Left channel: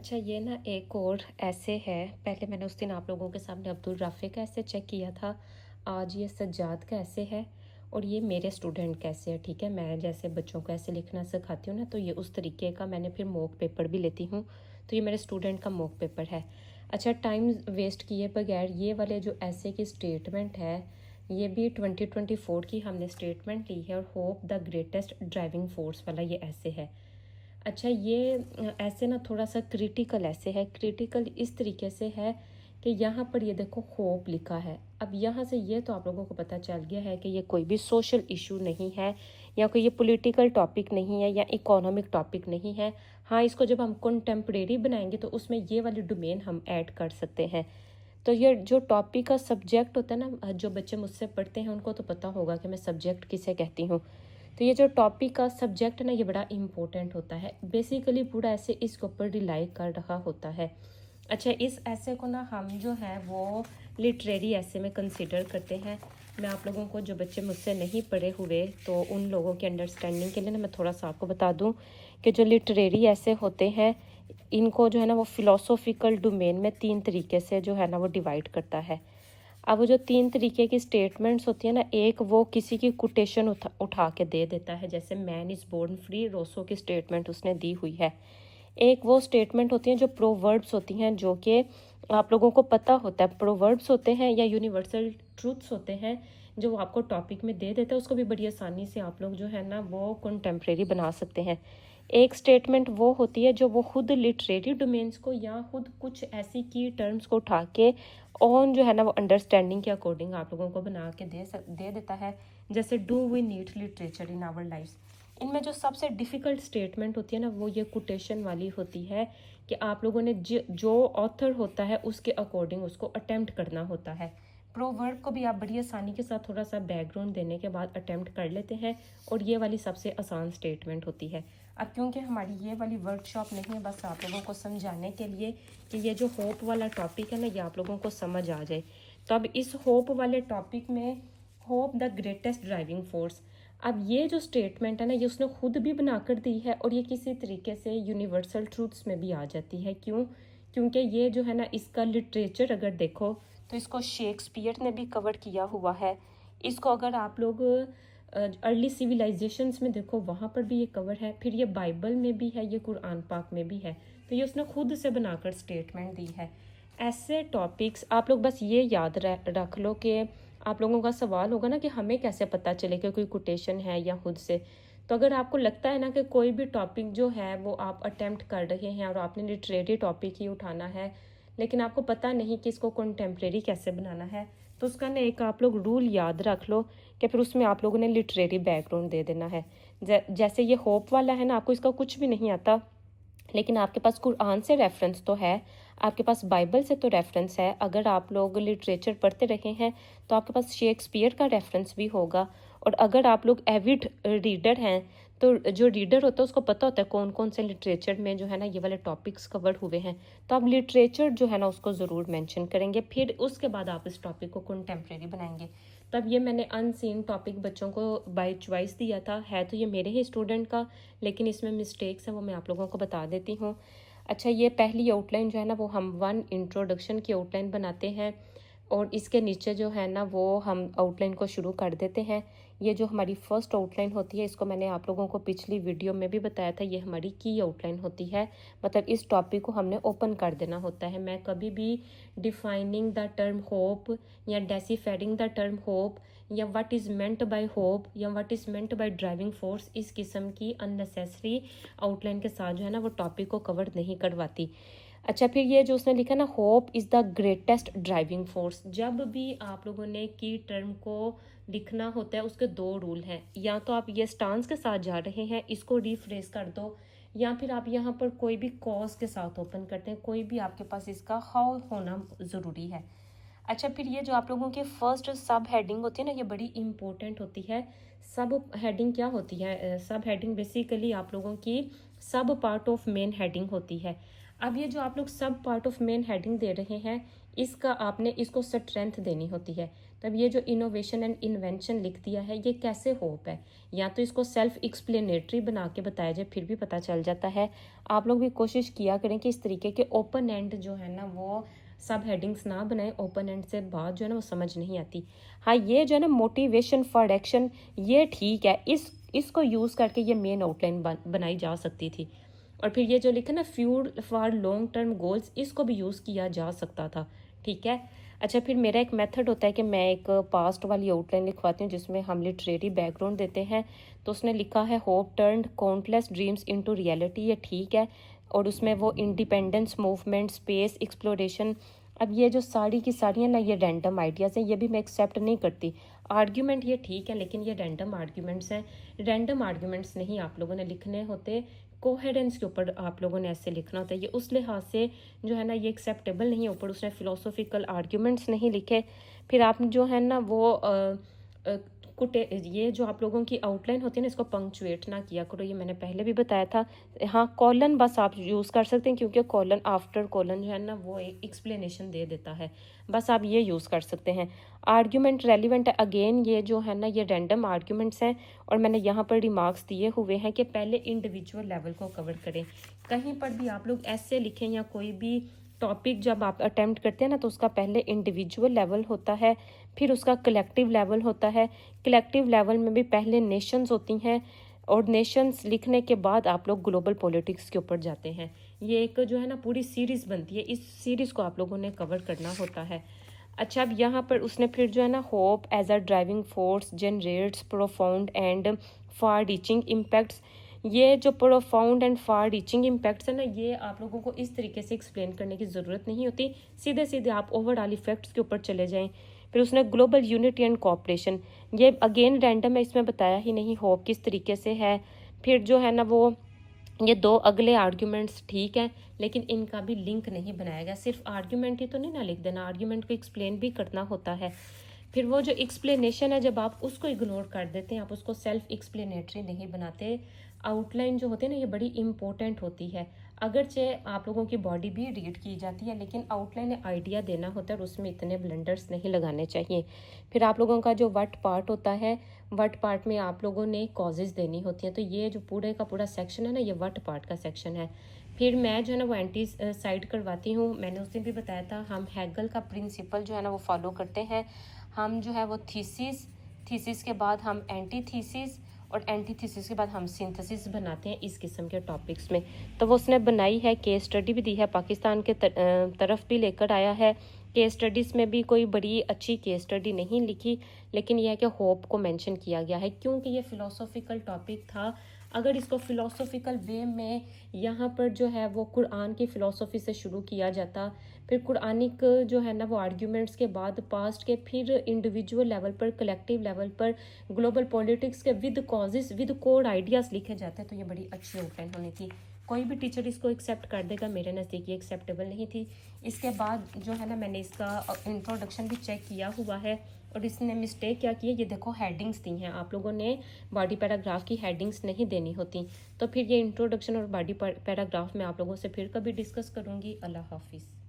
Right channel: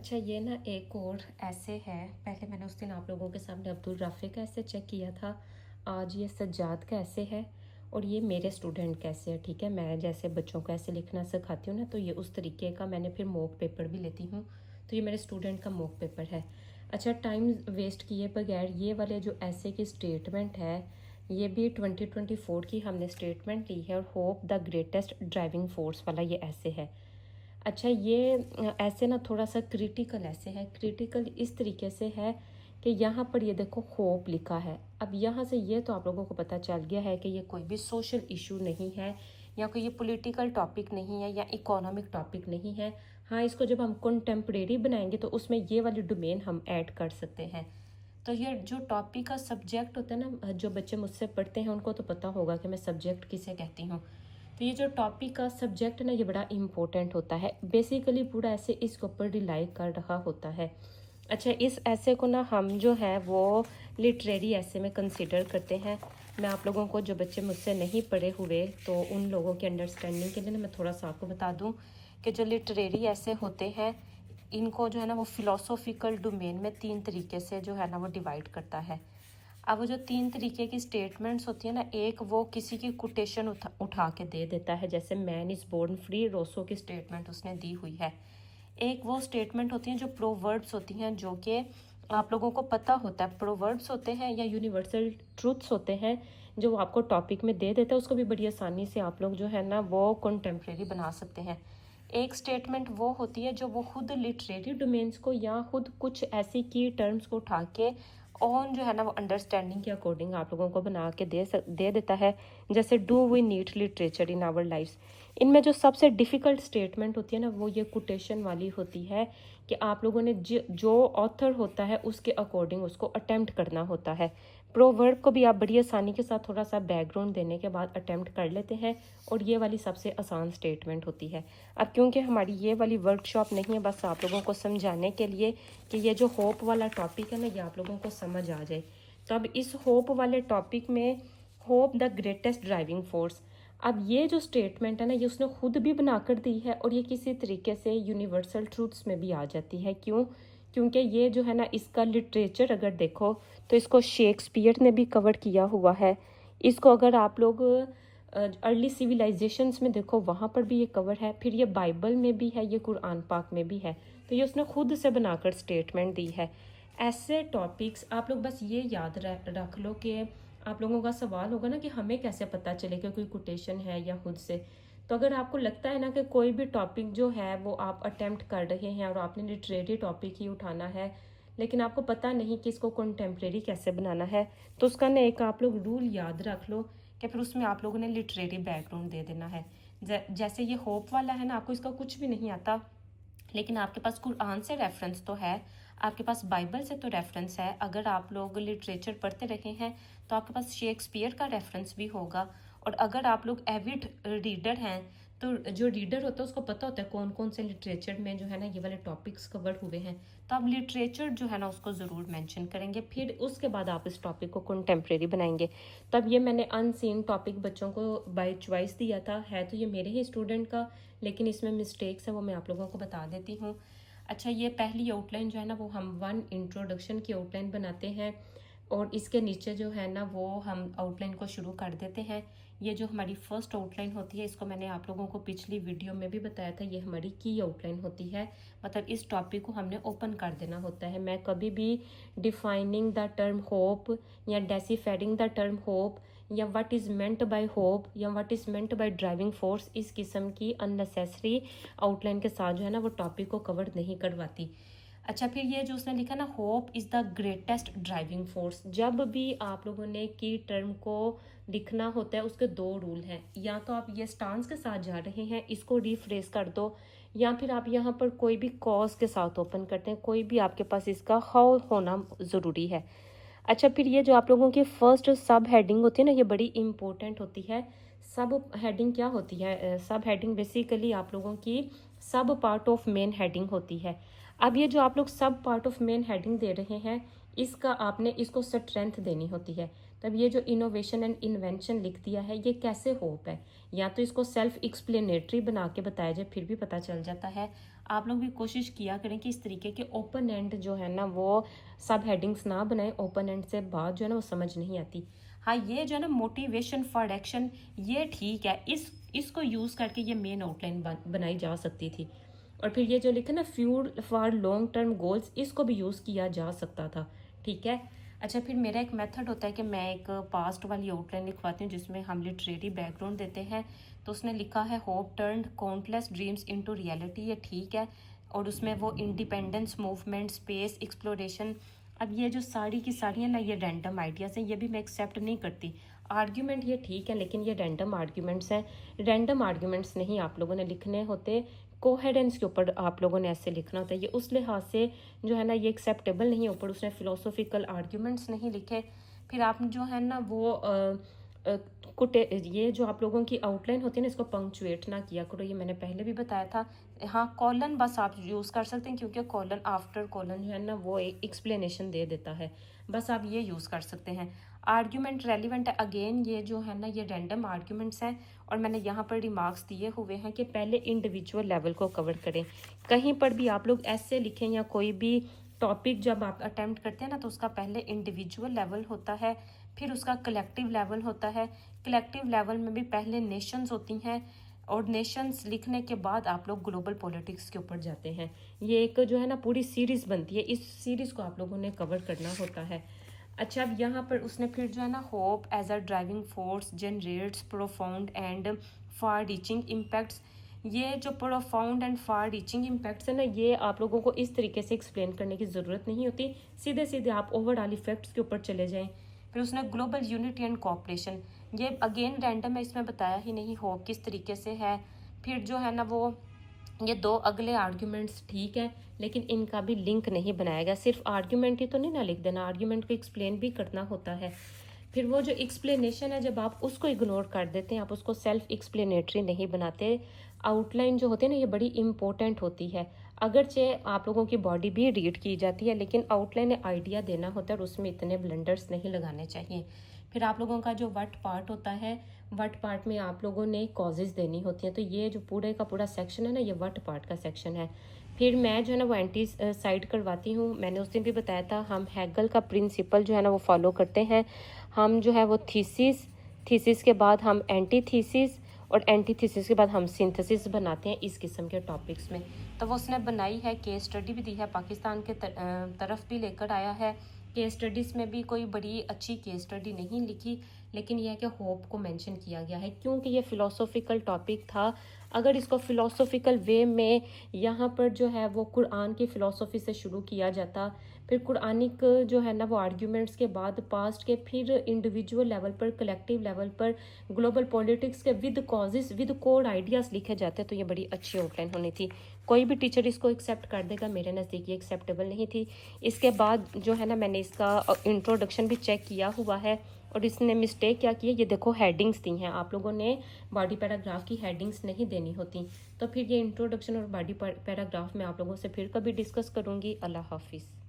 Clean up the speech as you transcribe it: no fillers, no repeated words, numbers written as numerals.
अच्छा, ये ना एक और ऐसे है। पहले मैंने उस दिन आप लोगों के सामने अब्दुल राफ़ी का ऐसे चेक किया था। आज ये सज्जाद का ऐसे है और ये मेरे स्टूडेंट का ऐसे है। ठीक है, मैं जैसे बच्चों को ऐसे लिखना सिखाती हूँ ना, तो ये उस तरीके का मैंने फिर मॉक पेपर भी लेती हूँ। तो ये मेरे स्टूडेंट का मॉक पेपर है। अच्छा, टाइम वेस्ट किए बगैर ये वाले जो ऐसे की स्टेटमेंट है, ये भी 2024 की हमने स्टेटमेंट ली है और hope the greatest driving force वाला ये ऐसे है। अच्छा, ये ऐसे ना थोड़ा सा क्रिटिकल ऐसे है। क्रिटिकल इस तरीके से है कि यहाँ पर ये देखो होप लिखा है। अब यहाँ से ये तो आप लोगों को पता चल गया है कि ये कोई भी सोशल इशू नहीं है या कोई ये पॉलिटिकल टॉपिक नहीं है या इकोनॉमिक टॉपिक नहीं है। हाँ, इसको जब हम कंटेम्प्रेरी बनाएंगे तो उसमें ये वाली डोमेन हम ऐड कर सकते हैं। तो ये जो टॉपिक का सब्जेक्ट होता है ना, जो बच्चे मुझसे पढ़ते हैं उनको तो पता होगा कि मैं सब्जेक्ट किसे कहती हूँ। तो ये जो टॉपिक का सब्जेक्ट ना, ये बड़ा इम्पोर्टेंट होता है। बेसिकली पूरा ऐसे इसके ऊपर रिलाई कर रहा होता है। अच्छा, इस ऐसे को ना हम जो है वो लिटरेरी ऐसे में कंसिडर करते हैं। मैं आप लोगों को, जो बच्चे मुझसे नहीं पढ़े हुए, तो उन लोगों की अंडरस्टैंडिंग के लिए ना मैं थोड़ा सा आपको बता दूं कि जो लिटरेरी ऐसे होते हैं, इनको जो है ना वो फिलोसोफिकल डोमेन में 3 तरीके से जो है ना वो डिवाइड करता है। अब वो जो 3 तरीके की स्टेटमेंट्स होती है ना, एक वो किसी की कोटेशन उठा के दे देता है, जैसे man is born free, Rousseau की स्टेटमेंट उसने दी हुई है। एक वो स्टेटमेंट होती हैं जो प्रोवर्ब्स होती हैं, जो कि आप लोगों को पता होता है। प्रोवर्ब्स होते हैं या यूनिवर्सल ट्रूथ्स होते हैं, जो वो आपको टॉपिक में दे देता है। उसको भी बड़ी आसानी से आप लोग जो है ना वो कंटेम्प्रेरी बना सकते हैं। एक स्टेटमेंट वो होती है जो वो खुद लिटरेरी डोमेन्स को या खुद कुछ ऐसी की टर्म्स को उठा के ऑन जो है ना वो अंडरस्टैंडिंग के अकॉर्डिंग आप लोगों को बना के दे देता है। जैसे do we need literature in our life. इनमें जो सबसे डिफ़िकल्ट स्टेटमेंट होती है ना, वो ये कोटेशन वाली होती है कि आप लोगों ने जो ऑथर होता है उसके अकॉर्डिंग उसको अटेम्प्ट करना होता है। प्रोवर्ब को भी आप बड़ी आसानी के साथ थोड़ा सा बैकग्राउंड देने के बाद अटेम्प्ट कर लेते हैं, और ये वाली सबसे आसान स्टेटमेंट होती है। अब क्योंकि हमारी ये वाली वर्कशॉप नहीं है, बस आप लोगों को समझाने के लिए कि ये जो होप वाला टॉपिक है ना, ये आप लोगों को समझ आ जाए। तो अब इस होप वाले टॉपिक में, hope the greatest driving force, अब ये जो स्टेटमेंट है ना, ये उसने खुद भी बनाकर दी है और ये किसी तरीके से यूनिवर्सल ट्रूथ्स में भी आ जाती है। क्यों? क्योंकि ये जो है ना, इसका लिटरेचर अगर देखो तो इसको शेक्सपियर ने भी कवर किया हुआ है। इसको अगर आप लोग अर्ली सिविलाइजेशंस में देखो, वहाँ पर भी ये कवर है। फिर ये बाइबल में भी है, ये कुरान पाक में भी है। तो ये उसने खुद से बनाकर स्टेटमेंट दी है। ऐसे टॉपिक्स आप लोग बस ये याद रख लो कि आप लोगों का सवाल होगा ना कि हमें कैसे पता चले कि कोई कोटेशन है या खुद से। तो अगर आपको लगता है ना कि कोई भी टॉपिक जो है वो आप अटेम्प्ट कर रहे हैं और आपने लिटरेरी टॉपिक ही उठाना है, लेकिन आपको पता नहीं कि इसको कंटेम्प्रेरी कैसे बनाना है, तो उसका ना एक आप लोग रूल याद रख लो कि फिर उसमें आप लोगों ने लिटरेरी बैकग्राउंड दे देना है। जैसे ये होप वाला है ना, आपको इसका कुछ भी नहीं आता, लेकिन आपके पास कुरान से रेफरेंस तो है, आपके पास बाइबल से तो रेफरेंस है। अगर आप लोग लिटरेचर पढ़ते रहे हैं तो आपके पास शेक्सपियर का रेफरेंस भी होगा। और अगर आप लोग एविड रीडर हैं, तो जो रीडर होता है उसको पता होता है कौन कौन से लिटरेचर में जो है ना ये वाले टॉपिक्स कवर हुए हैं। तो आप लिटरेचर जो है ना उसको ज़रूर मेंशन करेंगे, फिर उसके बाद आप इस टॉपिक को कंटेम्प्रेरी बनाएंगे। तब ये मैंने अनसीन टॉपिक बच्चों को बाय चॉइस दिया था, है तो ये मेरे ही स्टूडेंट का, लेकिन इसमें मिस्टेक्स है वो मैं आप लोगों को बता देती हूँ। अच्छा, ये पहली आउटलाइन जो है ना वो हम 1 इंट्रोडक्शन की आउटलाइन बनाते हैं, और इसके नीचे जो है ना वो हम आउटलाइन को शुरू कर देते हैं। ये जो हमारी फर्स्ट आउटलाइन होती है, इसको मैंने आप लोगों को पिछली वीडियो में भी बताया था, ये हमारी की आउटलाइन होती है। मतलब इस टॉपिक को हमने ओपन कर देना होता है। मैं कभी भी डिफाइनिंग द टर्म होप या डेसिफाइंग द टर्म होप या what is meant by hope या what is meant by driving force, इस किस्म की अननेसेसरी आउटलाइन के साथ जो है ना वो टॉपिक को कवर नहीं करवाती। अच्छा, फिर ये जो उसने लिखा ना, hope is the greatest driving force, जब भी आप लोगों ने की टर्म को लिखना होता है उसके 2 रूल हैं। या तो आप ये स्टांस के साथ जा रहे हैं, इसको रीफ्रेस कर दो, या फिर आप यहाँ पर कोई भी कॉज के साथ ओपन करते हैं, कोई भी आपके पास इसका हाउ होना ज़रूरी है। अच्छा, फिर ये जो आप लोगों की फर्स्ट सब हेडिंग होती है ना, ये बड़ी इंपॉर्टेंट होती है। सब हेडिंग क्या होती है? सब हेडिंग बेसिकली आप लोगों की सब पार्ट ऑफ मेन हेडिंग होती है। अब ये जो आप लोग सब पार्ट ऑफ मेन हेडिंग दे रहे हैं, इसका आपने इसको स्ट्रेंथ देनी होती है। तो अब ये जो इनोवेशन एंड इन्वेंशन लिख दिया है, ये कैसे होप है? या तो इसको सेल्फ एक्सप्लेनेटरी बना के बताया जाए, फिर भी पता चल जाता है। आप लोग भी कोशिश किया करें कि इस तरीके के ओपन एंड जो है ना वो सब हेडिंग्स ना बनाएं, ओपन एंड से बात जो है ना वो समझ नहीं आती। हाँ, ये जो है ना मोटिवेशन फॉर एक्शन, ये ठीक है, इसको यूज़ करके ये मेन आउटलाइन बनाई जा सकती थी। और फिर ये जो लिखा ना fuel for long term goals, इसको भी यूज़ किया जा सकता था, ठीक है। अच्छा, फिर मेरा एक मेथड होता है कि मैं एक पास्ट वाली आउटलाइन लिखवाती हूँ जिसमें हम लिटरेरी बैकग्राउंड देते हैं। तो उसने लिखा है hope turned countless dreams into reality, ये ठीक है। और उसमें वो इंडिपेंडेंस मूवमेंट, स्पेस एक्सप्लोरेशन, अब ये जो सारी की सारी है ना ये रैंडम आइडियाज़ हैं, ये भी मैं एक्सेप्ट नहीं करती। आर्ग्यूमेंट ये ठीक है, लेकिन ये रैंडम आर्ग्यूमेंट्स हैं। रैंडम आर्ग्यूमेंट्स नहीं आप लोगों ने लिखने होते, कोहेरेंस के ऊपर आप लोगों ने ऐसे लिखना होता है। ये उस लिहाज से जो है ना ये एक्सेप्टेबल नहीं है। ऊपर उसने फिलोसोफिकल आर्ग्यूमेंट्स नहीं लिखे। फिर आप जो है ना वो कुटे ये जो आप लोगों की आउटलाइन होती है ना, इसको पंक्चुएट ना किया करो, ये मैंने पहले भी बताया था। हाँ, कॉलन बस आप यूज़ कर सकते हैं, क्योंकि कॉलन आफ्टर कॉलन जो है ना वो एक एक्सप्लेनेशन दे देता है, बस आप ये यूज़ कर सकते हैं। आर्ग्यूमेंट रेलिवेंट है, अगेन ये जो है ना ये रैंडम आर्ग्यूमेंट्स हैं। और मैंने यहाँ पर रिमार्क्स दिए हुए हैं कि पहले इंडिविजुअल लेवल को कवर करें। कहीं पर भी आप लोग ऐसे लिखें या कोई भी टॉपिक जब आप अटेम्प्ट करते हैं ना, तो उसका पहले इंडिविजुअल लेवल होता है, फिर उसका कलेक्टिव लेवल होता है। कलेक्टिव लेवल में भी पहले नेशंस होती हैं, और नेशंस लिखने के बाद आप लोग ग्लोबल पॉलिटिक्स के ऊपर जाते हैं। ये एक जो है ना पूरी सीरीज़ बनती है, इस सीरीज़ को आप लोगों ने कवर करना होता है। अच्छा, अब यहाँ पर उसने फिर जो है ना hope as a driving force generates profound and far reaching impacts, ये जो profound and far reaching impacts है ना, ये आप लोगों को इस तरीके से एक्सप्लेन करने की ज़रूरत नहीं होती, सीधे सीधे आप ओवरऑल इफेक्ट्स के ऊपर चले जाएं। फिर उसने ग्लोबल यूनिटी एंड कोऑपरेशन, ये अगेन रैंडम है, इसमें बताया ही नहीं होप किस तरीके से है। फिर जो है ना वो ये दो अगले आर्ग्यूमेंट्स ठीक है, लेकिन इनका भी लिंक नहीं बनाया गया। सिर्फ आर्ग्यूमेंट ही तो नहीं ना लिख देना, आर्ग्यूमेंट को एक्सप्लेन भी करना होता है। फिर वो जो एक्सप्लेनेशन है, जब आप उसको इग्नोर कर देते हैं, आप उसको सेल्फ एक्सप्लेनेटरी नहीं बनाते। आउटलाइन जो होती है ना ये बड़ी इंपॉर्टेंट होती है। अगरचे आप लोगों की बॉडी भी रीड की जाती है, लेकिन आउटलाइन आइडिया देना होता है और उसमें इतने ब्लंडर्स नहीं लगाने चाहिए। फिर आप लोगों का जो वट पार्ट होता है, वट पार्ट में आप लोगों ने कॉजेज़ देनी होती हैं। तो ये जो पूरे का पूरा सेक्शन है ना, ये वट पार्ट का सेक्शन है। फिर मैं जो है ना वो एंटी साइड करवाती हूँ। मैंने उस दिन भी बताया था, हम हैगल का प्रिंसिपल जो है ना वो फॉलो करते हैं। हम जो है वो थीसिस, थीसिस के बाद हम एंटी थीसिस, और एंटी थीसिस के बाद हम सिंथेसिस बनाते हैं इस किस्म के टॉपिक्स में। तो वो उसने बनाई है, केस स्टडी भी दी है, पाकिस्तान के तरफ भी लेकर आया है। केस स्टडीज़ में भी कोई बड़ी अच्छी केस स्टडी नहीं लिखी, लेकिन यह है कि होप को मेंशन किया गया है, क्योंकि ये फ़िलोसोफिकल टॉपिक था। अगर इसको फ़िलोसोफिकल वे में यहाँ पर जो है वो कुरान की फ़िलोसफी से शुरू किया जाता, फिर कुरानिक जो है ना वो आर्ग्यूमेंट्स के बाद पास्ट के, फिर इंडिविजुअल लेवल पर, कलेक्टिव लेवल पर, ग्लोबल पॉलिटिक्स के with causes with code ideas लिखे जाते, तो ये बड़ी अच्छी आउटलाइन होनी थी। कोई भी टीचर इसको एक्सेप्ट कर देगा, मेरे नज़दीक ये एक्सेप्टेबल नहीं थी। इसके बाद जो है ना मैंने इसका इंट्रोडक्शन भी चेक किया हुआ है, और इसने मिस्टेक क्या की है, ये देखो हेडिंग्स दी हैं, आप लोगों ने बॉडी पैराग्राफ की हेडिंग्स नहीं देनी होती। तो फिर ये इंट्रोडक्शन और बॉडी पैराग्राफ में आप लोगों से फिर कभी डिस्कस करूँगी। अल्लाह हाफिज़।